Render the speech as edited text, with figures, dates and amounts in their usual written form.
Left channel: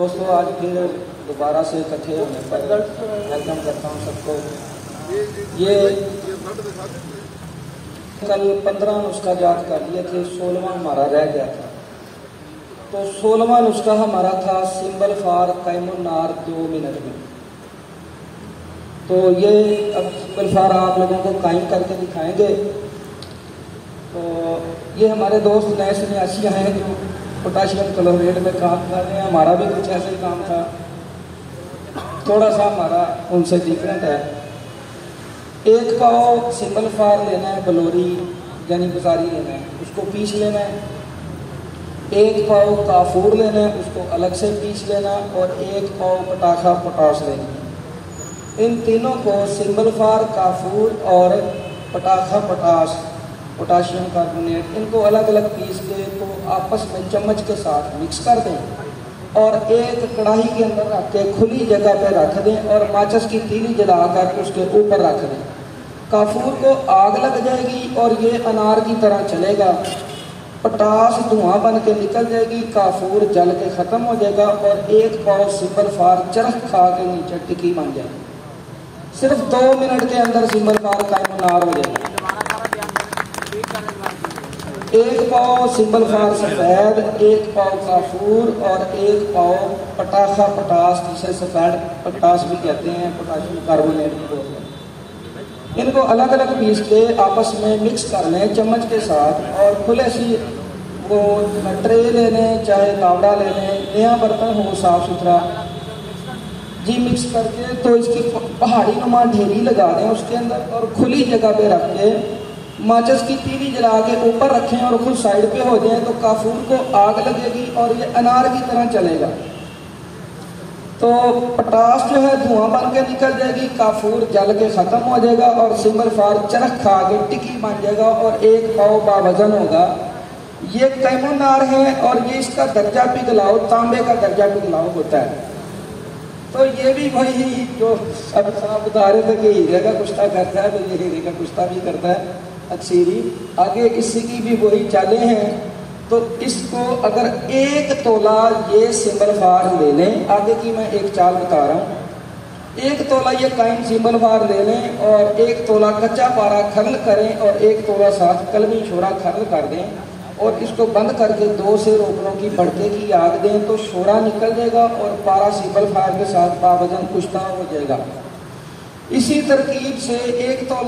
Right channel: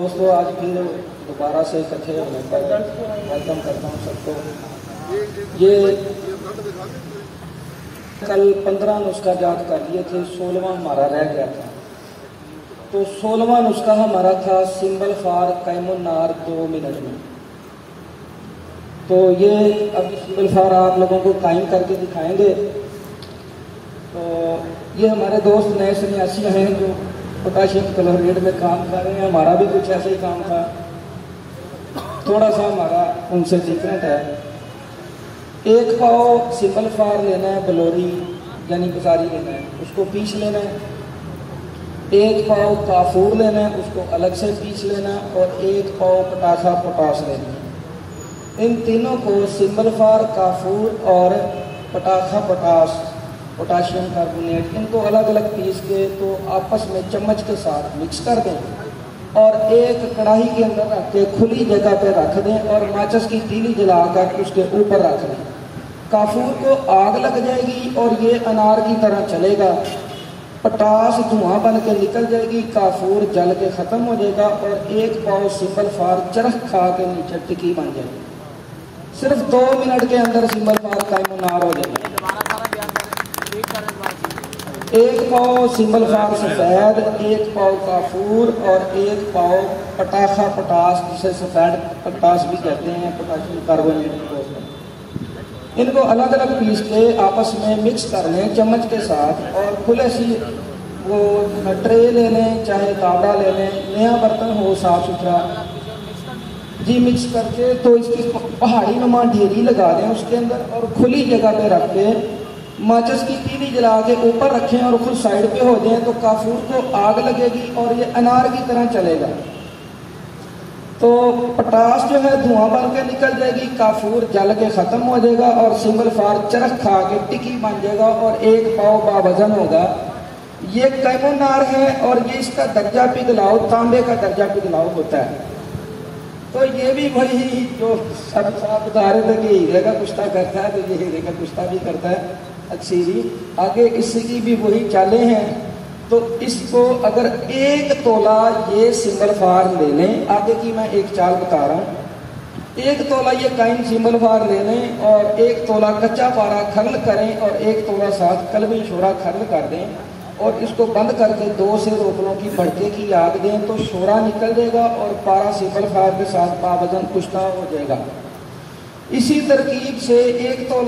दोस्तों, आज फिर दोबारा से इकट्ठे होने पर वेलकम करता हूँ सबको। ये कल 15 नुस्खा याद कर लिए थे, 16वां हमारा रह गया था। तो 16वां नुस्खा हमारा था सिंबल फॉर कैमुन्नार 2 मिनट में। तो ये अब सिंबल फॉर आप लोगों को कायम करके दिखाएंगे। तो ये हमारे दोस्त नए सन्यासी हैं जो पोटाशियम क्लोराइड में काम कर रहे हैं। हमारा भी कुछ ऐसे ही काम था, थोड़ा सा हमारा उनसे डिफरेंट है। 1 पाव सिंबल फार लेना है, बलोरी यानी बुसारी लेना है, उसको पीस लेना है। 1 पाव काफूर लेना है, उसको अलग से पीस लेना है। और 1 पाव पटाखा पोटाश लेना है। इन तीनों को सिंबल फार, काफूर और पटाखा पोटाश, पोटाशियम कार्बोनेट, इनको अलग अलग पीस के तो आपस में चम्मच के साथ मिक्स कर दें और एक कढ़ाई के अंदर रख के खुली जगह पे रख दें और माचिस की तीली जलाकर उसके ऊपर रख दें। काफूर को आग लग जाएगी और ये अनार की तरह चलेगा। पोटाश धुआं बन के निकल जाएगी, काफूर जल के खत्म हो जाएगा और 1 पाव सिंबल फार चरख खा के नीचे टिक्की बन जाएगी। सिर्फ 2 मिनट के अंदर सिंबल फार कैमुन्नार हो जाएगा। 1 पाव सिंबल फार सफेद, 1 पाव काफूर और 1 पाव पटाखा पोटाश, जिसे सफेद पोटाश भी कहते हैं, पोटाशियम कार्बोनेट भी बोलते हैं। इनको अलग अलग पीस के आपस में मिक्स कर लें चम्मच के साथ और खुले सी वो ट्रे ले लें, चाहे तावड़ा ले लें, नया बर्तन हो साफ सुथरा जी। मिक्स करके तो इसकी पहाड़ी नुमा ढेरी लगा दें उसके अंदर और खुली जगह पे रख के माचिस की तीली जला के ऊपर रखें और खुद साइड पे हो जाए तो काफूर को आग लगेगी और ये अनार की तरह चलेगा। तो पोटाश जो है धुआं बन के निकल जाएगी, काफूर जल के खत्म हो जाएगा और सिंबल फार चरख खा के टिक्की बन जाएगा और 1 पाव बावजन होगा। ये कैमुन्नार है और ये इसका दर्जा पिघलाओ तांबे का दर्जा पिघलाओ होता है। तो ये भी वही जो सब साहब बता रहे थे कि हीरे का कुश्ता करता है, तो ये हीरे का कुश्ता भी करता है अक्सीरी। आगे इसकी भी वही चालें हैं। तो इसको अगर 1 तोला ये सिंबल फार ले लें, आगे की मैं एक चाल बता रहा हूँ। 1 तोला ये काइन सिंबल फार ले लें और 1 तोला कच्चा पारा खर्ल करें और 1 तोला साथ कलमी शोरा खर्ल कर दें और इसको बंद करके 2 से रोकनों की भड़के की आग दें तो शोरा निकल जाएगा और पारा सिंबल फार के साथ बावजन कुश्ता हो जाएगा। इसी तरकीब से 1 तोला